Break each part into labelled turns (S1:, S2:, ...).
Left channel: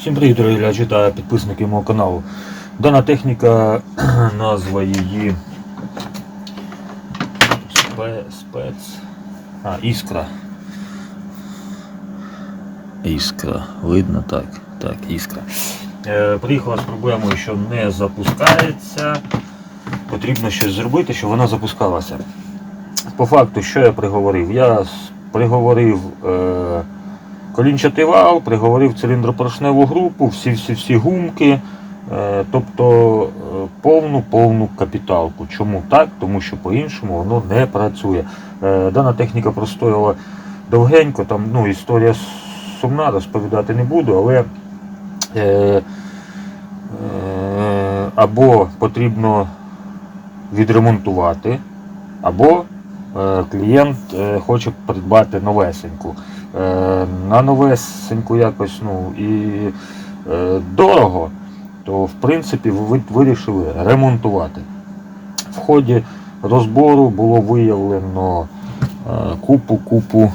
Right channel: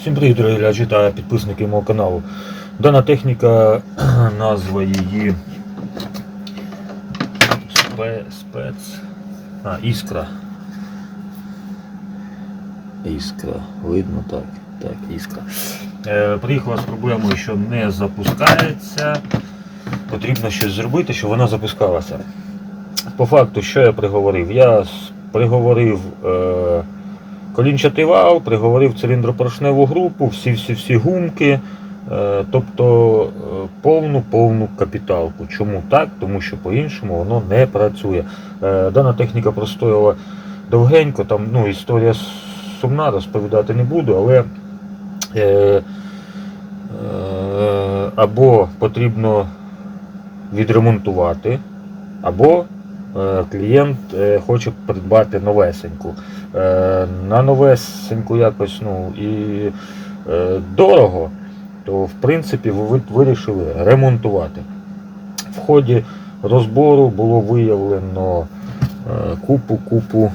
S1: Всім привіт, дорогі глядачі та підписники мого каналу. Дана техніка, назва її спец. А, іскра. Іскра. Видно так. Так, іскра. Е, приїхала з проблемою, що не запускається. Потрібно щось зробити, щоб вона запускалася. По факту, що я приговорив? Я приговорив. Е, Колінчатий вал, приговорив циліндропоршневу групу, всі-всі-всі гумки, е, тобто е, повну-повну капіталку. Чому так? Тому що по-іншому воно не працює. Е, Дана техніка простояла довгенько, там ну, історія сумна, розповідати не буду, але е, е, або потрібно відремонтувати, або клієнт хоче придбати новесеньку. Е, на новесеньку якось ну, і е, дорого, то в принципі ви вирішили ремонтувати. В ході розбору було виявлено е, купу-купу,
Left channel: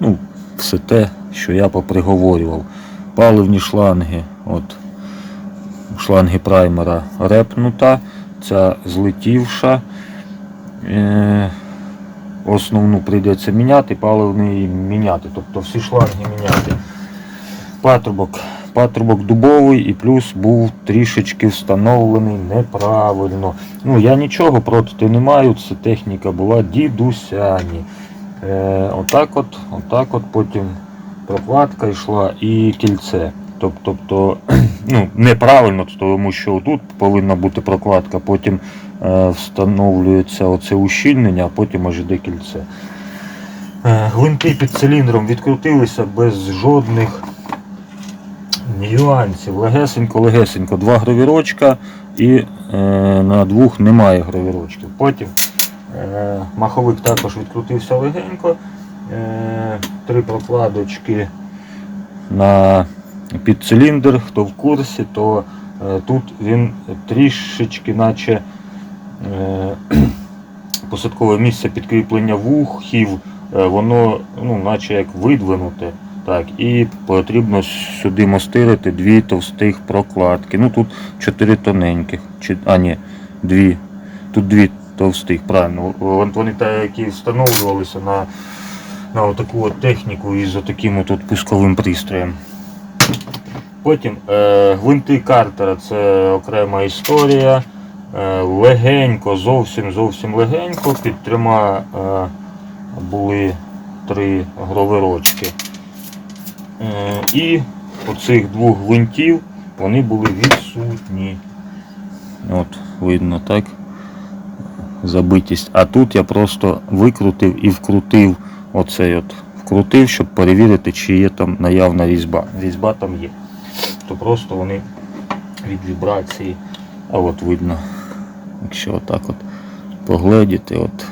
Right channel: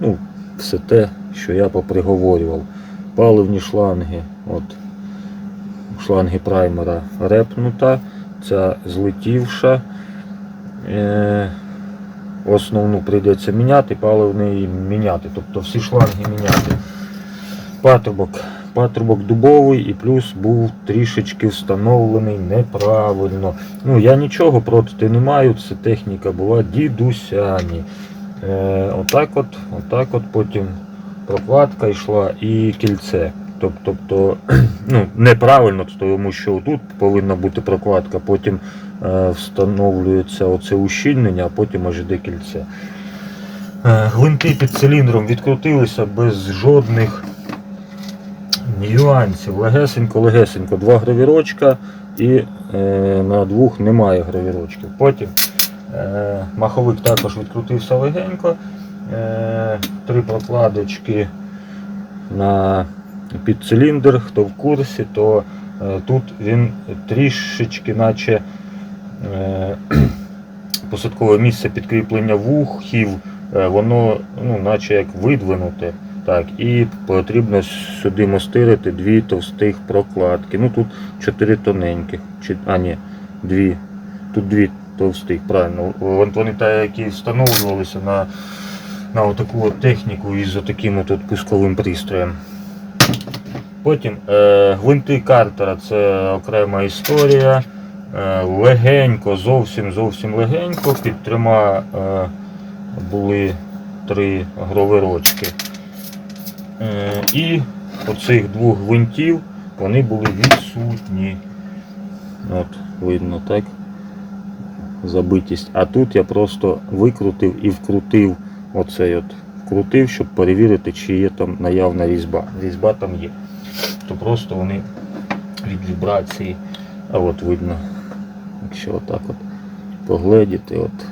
S1: ну, все те, що я поприговорював. Паливні шланги, от, шланги праймера репнута, ця злетівша. Е, основну прийдеться міняти, паливний міняти, тобто всі шланги міняти. Патрубок. Патрубок дубовий і плюс був трішечки встановлений неправильно. Ну, я нічого проти не маю, це техніка була дідусяні. Е, отак от, отак от потім прокладка йшла і кільце. Тоб- Тобто, ну, неправильно, тому що тут повинна бути прокладка, потім встановлюється оце ущільнення, а потім аж іде кільце. Е, Гвинти під циліндром відкрутилися без жодних нюансів. Легесенько, легесенько, два гравірочка і е, на двох немає гравірочків. Потім е, маховик також відкрутився легенько. Е, три прокладочки на під циліндр, хто в курсі, то е, тут він трішечки, наче е, посадкове місце підкріплення вухів, е, воно ну, наче як видвинуте. Так, і потрібно сюди мостирити дві товстих прокладки. Ну тут чотири тоненьких. А ні, дві. Тут дві товстих, правильно. Вони та, які встановлювалися на, на отаку от техніку із отаким от пусковим пристроєм. Потім е, гвинти Картера це окрема історія. Е, легенько, зовсім зовсім легенько. Під трьома е, були три гровирочки. Е, і оцих двох гвинтів вони були відсутні. От, видно, так? Забитість. А тут я просто викрутив і вкрутив оцей от. Вкрутив, щоб перевірити, чи є там наявна різьба. Різьба там є. То просто вони від вібрації. А от видно, якщо отак от погледіти, от,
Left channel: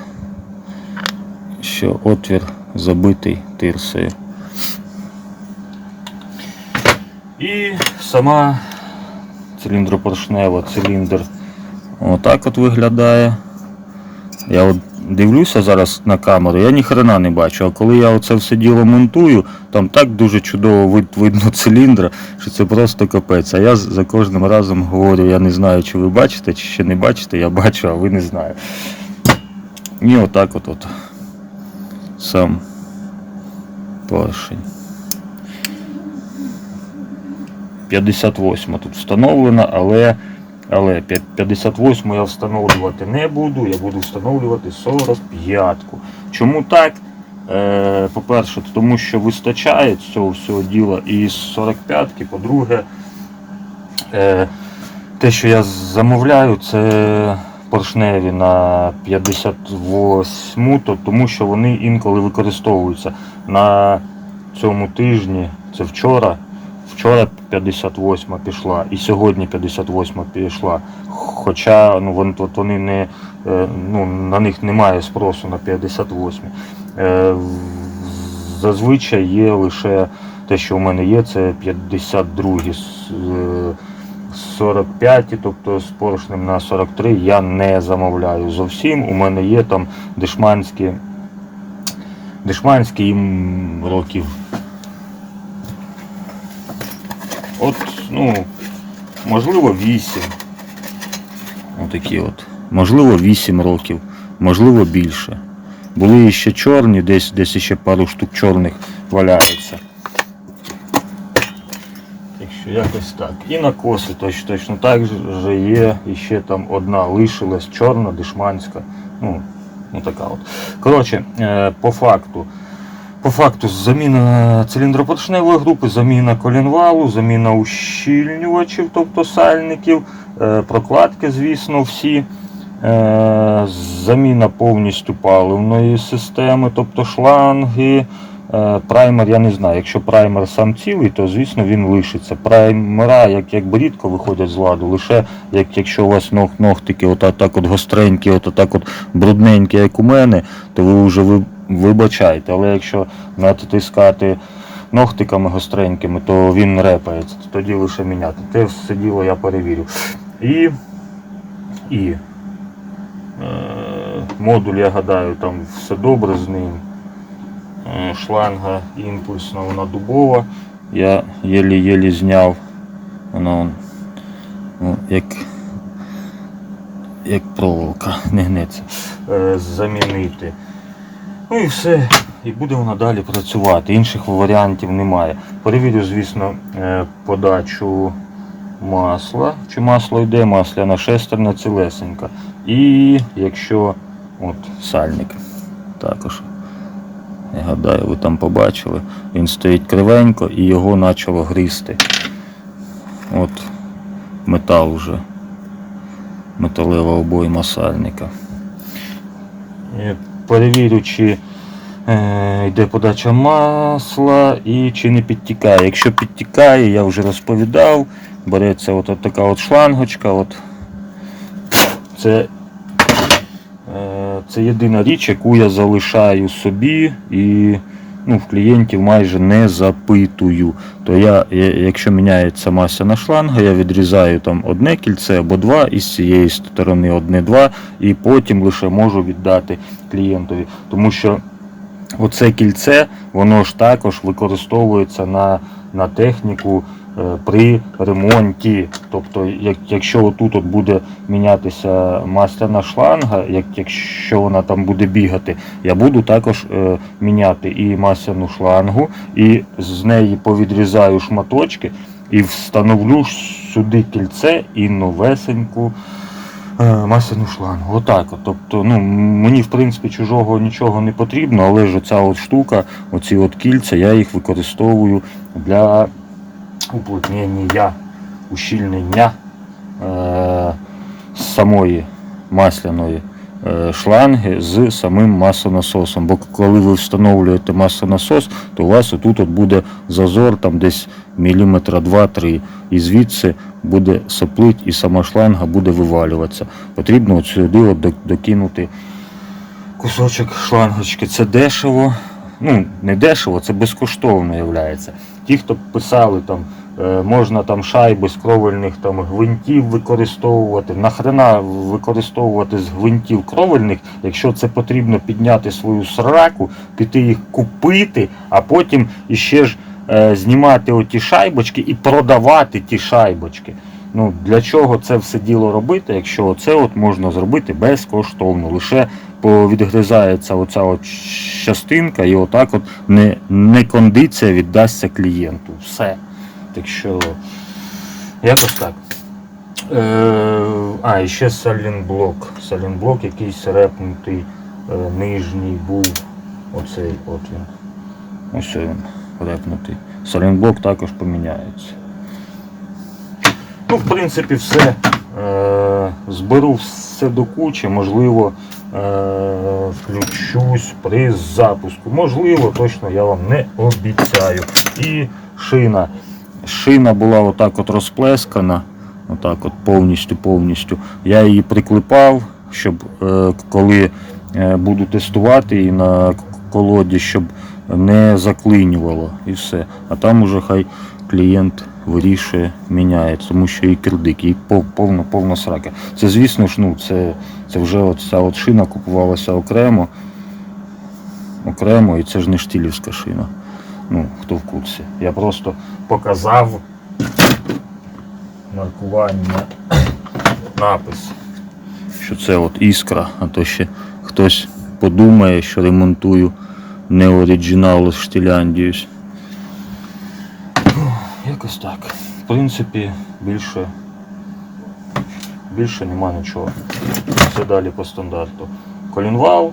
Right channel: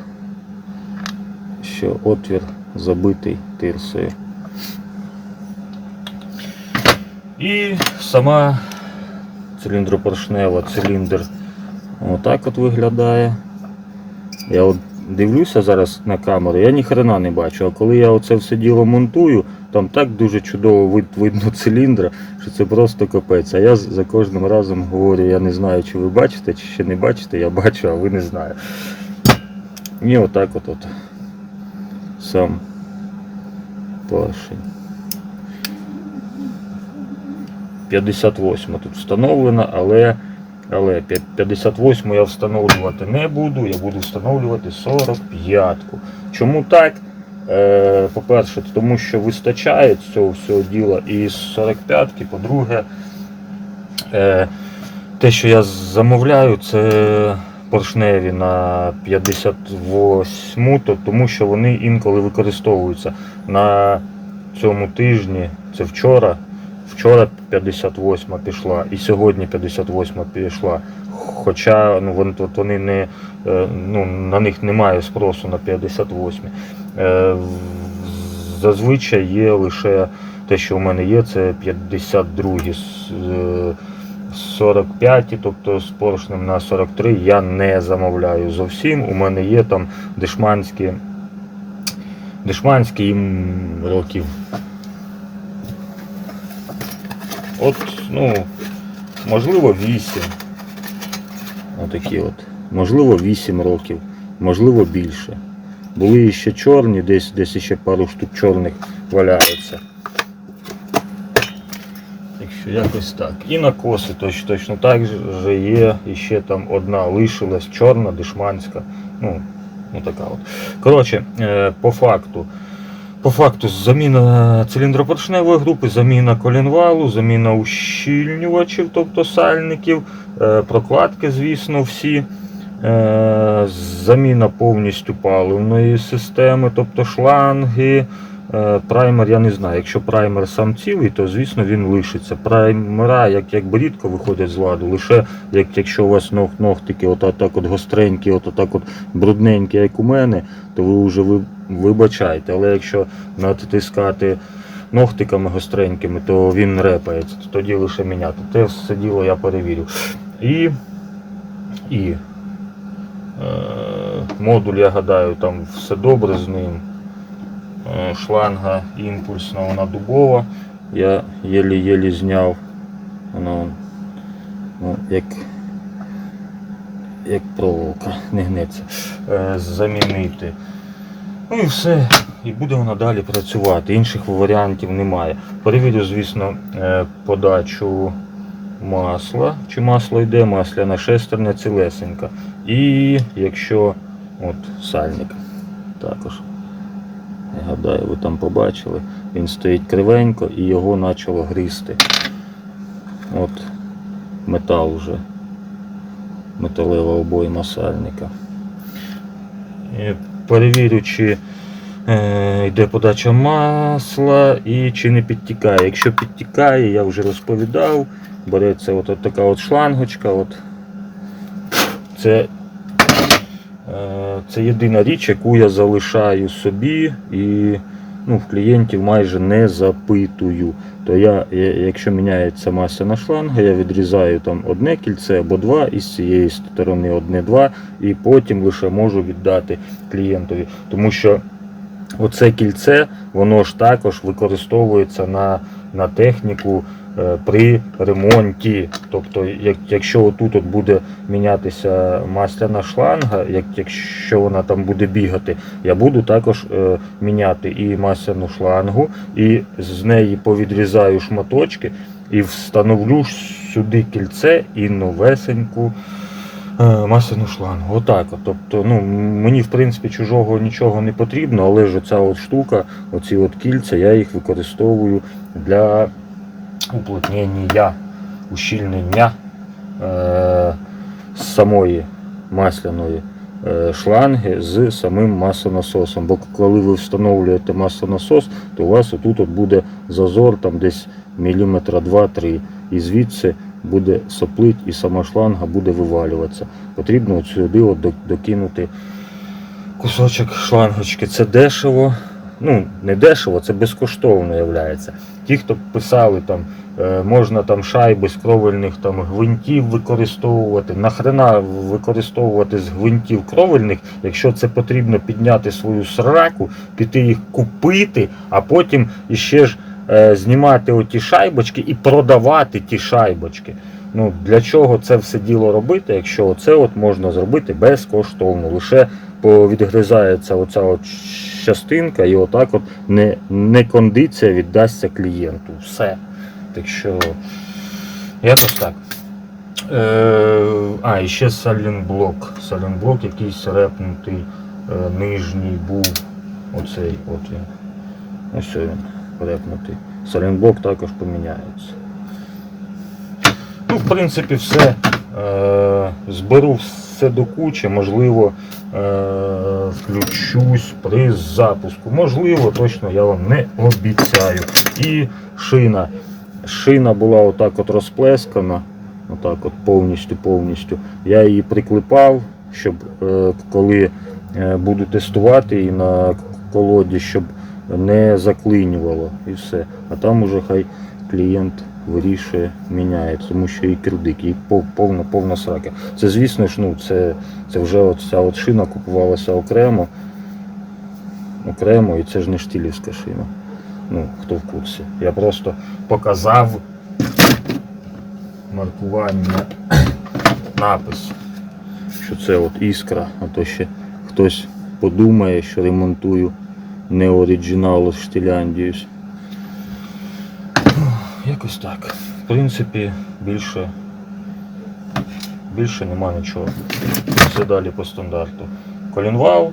S1: що отвір забитий тирсою. І сама циліндропоршнева циліндр отак от виглядає. Я от дивлюся зараз на камеру, я ні хрена не бачу. А коли я оце все діло монтую, там так дуже чудово вид, видно циліндр, що це просто капець. А я за кожним разом говорю, я не знаю, чи ви бачите, чи ще не бачите, я бачу, а ви не знаєте. І отак от, от сам поршень. 58 тут встановлена, але, але п'я- 58 я встановлювати не буду, я буду встановлювати 45-ку. Чому так? Е, по-перше, тому що вистачає цього всього діла і 45-ки, по-друге, е, те, що я замовляю, це поршневі на 58, то тому що вони інколи використовуються. На цьому тижні, це вчора, вчора 58 пішла і сьогодні 58 пішла. Хоча ну, вон- от вони не, е, ну, на них немає спросу на 58. Е, Зазвичай є лише те, що у мене є, це 52 е, 45, тобто з поршнем на 43 я не замовляю зовсім. У мене є там дешманські, дешманські їм років От, ну, можливо, 8. Отакі от. Можливо, 8 років, можливо, більше. Були ще чорні, десь, десь ще пару штук чорних валяється. Якщо якось так. І на коси точно, точно так же є. І ще там одна лишилась чорна, дешманська. Ну, ну така от. Коротше, е, по факту. По факту заміна циліндропоршневої групи, заміна колінвалу, заміна ущільнювачів, тобто сальників, е, прокладки, звісно, всі. Е, Заміна повністю паливної системи, тобто шланги. Е, Праймер, я не знаю, якщо праймер сам цілий, то звісно він лишиться. Праймера, як, якби рідко виходять з ладу, лише як, якщо у вас ног, ногтики от, так от гостренькі, от, так от брудненькі, як у мене, то ви вже ви, вибачайте. Але якщо натискати ногтиками гостренькими, то він репається, то тоді лише міняти. Те все діло я перевірю. І, і е, модуль, я гадаю, там все добре з ним. Е, шланга імпульсна, вона дубова. Я єлі-єлі зняв. Воно ну, як, як проволока, не гнеться. Е, замінити. Ну і все. І буде вона далі працювати. Інших варіантів немає. Перевірю, звісно, е, подачу масла. Чи масло йде, масляна шестерня цілесенька. І якщо от сальник також. Я гадаю, ви там побачили. Він стоїть кривенько і його почало гризти. От метал вже. Металева обойма сальника. Перевірю, чи е, йде подача масла і чи не підтікає. Якщо підтікає, я вже розповідав, береться от така от шлангочка. От. Це Е, Це єдина річ, яку я залишаю собі і ну, в клієнтів майже не запитую. То я, якщо міняється масляна шланга, я відрізаю там одне кільце або два, і з цієї сторони одне-два, і потім лише можу віддати клієнтові. Тому що оце кільце, воно ж також використовується на, на техніку при ремонті. Тобто, як, якщо отут от буде мінятися масляна шланга, як, якщо вона там буде бігати, я буду також е, міняти і масляну шлангу, і з неї повідрізаю шматочки і встановлю сюди кільце і новесеньку е, масляну шлангу. Отак. От. Тобто, ну, мені в принципі чужого нічого не потрібно, але ж оця от штука, оці от кільця, я їх використовую для уплотнення, ущільнення е, самої масляної е, шланги з самим маслонасосом. Бо коли ви встановлюєте маслонасос, то у вас отут от буде зазор там десь міліметра 2-3. І звідси буде соплить і сама шланга буде вивалюватися. Потрібно от сюди от докинути кусочок шлангочки. Це дешево. Ну, не дешево, це безкоштовно являється. Ті, хто писали там, е, можна там шайби з кровельних там гвинтів використовувати. Нахрена використовувати з гвинтів кровельних, якщо це потрібно підняти свою сраку, піти їх купити, а потім іще ж е, знімати оті шайбочки і продавати ті шайбочки. Ну, для чого це все діло робити, якщо це от можна зробити безкоштовно. Лише повідгризається оця от частинка і отак от не, не кондиція віддасться клієнту. Все. Так що якось так. Е, а, і ще салінблок. Салінблок якийсь репнутий, е, нижній був. Оцей от він. Ось він репнутий. Салінблок також поміняється. Ну, в принципі, все. Е, зберу все до кучі, можливо, е, включусь при запуску. Можливо, точно я вам не обіцяю. І шина. Шина була отак от розплескана, отак от повністю повністю. Я її приклепав, щоб е, коли буду тестувати її на колоді, щоб не заклинювало і все. А там уже хай клієнт вирішує, міняє, тому що і кирдик, і повна, повна срака. Це, звісно ж, ну, це, це вже ця от шина купувалася окремо. Окремо, і це ж не штілівська шина. Ну, хто в курсі. Я просто показав маркування напис, що це от іскра, а то ще хтось подумає, що ремонтую не оригінал з Штіляндіюсь. Якось так. В принципі, більше, більше нема нічого. Все далі по стандарту. Колінвал,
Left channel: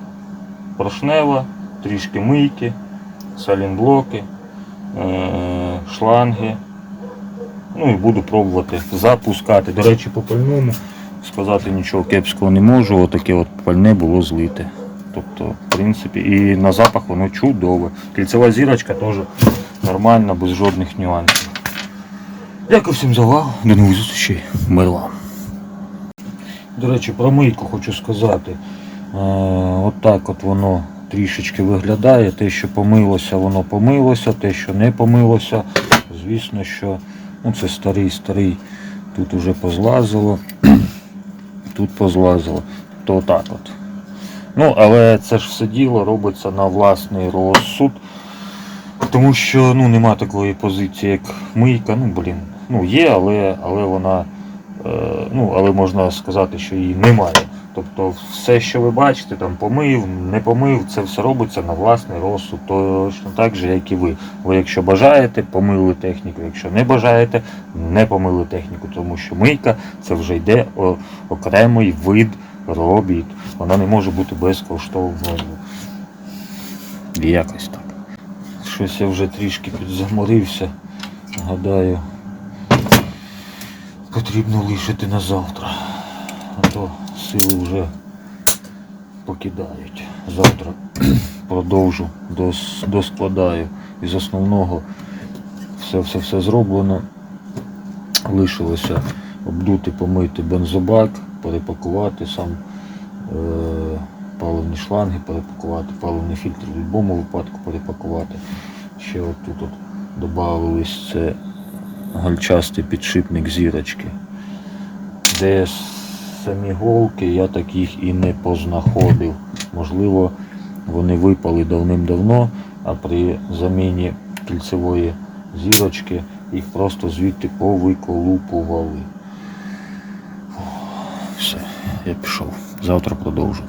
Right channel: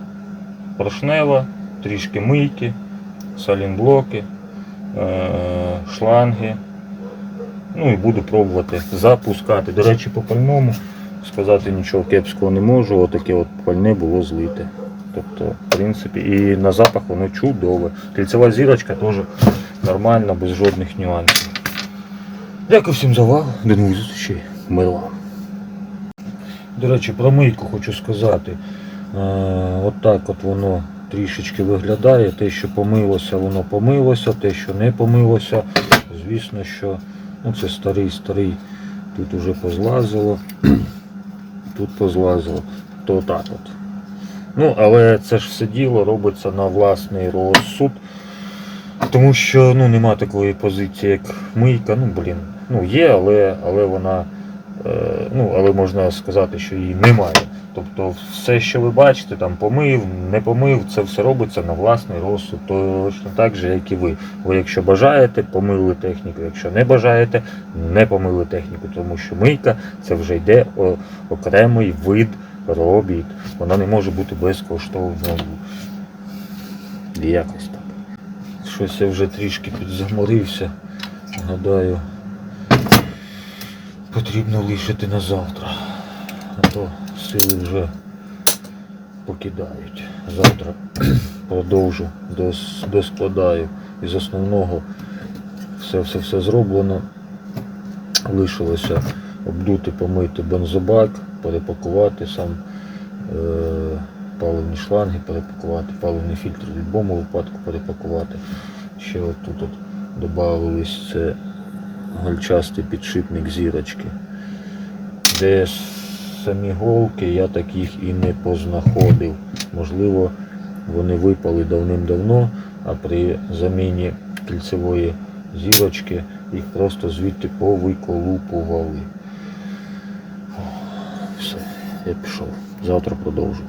S1: поршнева, трішки мийки, салінблоки, е- шланги. Ну і буду пробувати запускати. До речі, по пальному сказати нічого кепського не можу. Отаке от пальне було злите. Тобто, в принципі, і на запах воно чудове. Кільцева зірочка теж нормальна, без жодних нюансів. Дякую всім за увагу. До нових зустрічей. Вам. До речі, про мийку хочу сказати. Е, от так от воно трішечки виглядає. Те, що помилося, воно помилося, те, що не помилося, звісно, що ну, це старий, старий. Тут уже позлазило, тут позлазило. То так от. Ну, але це ж все діло робиться на власний розсуд. Тому що ну, нема такої позиції, як мийка. Ну, блін, ну є, але, але вона. Е, ну, але можна сказати, що її немає. Тобто все, що ви бачите, там помив, не помив, це все робиться на власний розсуд, точно так же, як і ви. Ви, якщо бажаєте, помили техніку, якщо не бажаєте, не помили техніку, тому що мийка це вже йде окремий вид робіт. Вона не може бути безкоштовною. Якось так. Щось я вже трішки підзаморився. Гадаю, потрібно лишити на завтра. А то сили вже покидають. Завтра продовжу, дос- доскладаю. Із основного все-все-все зроблено. Лишилося обдути, помити бензобак, перепакувати сам е, паливні шланги, перепакувати, паливний фільтр в будь-якому випадку перепакувати. Ще от тут от додавались це гальчастий підшипник зірочки. Де самі голки я таких і не познаходив. Можливо, вони випали давним-давно, а при заміні кільцевої зірочки їх просто звідти повиколупували. Все, я пішов. Завтра продовжу.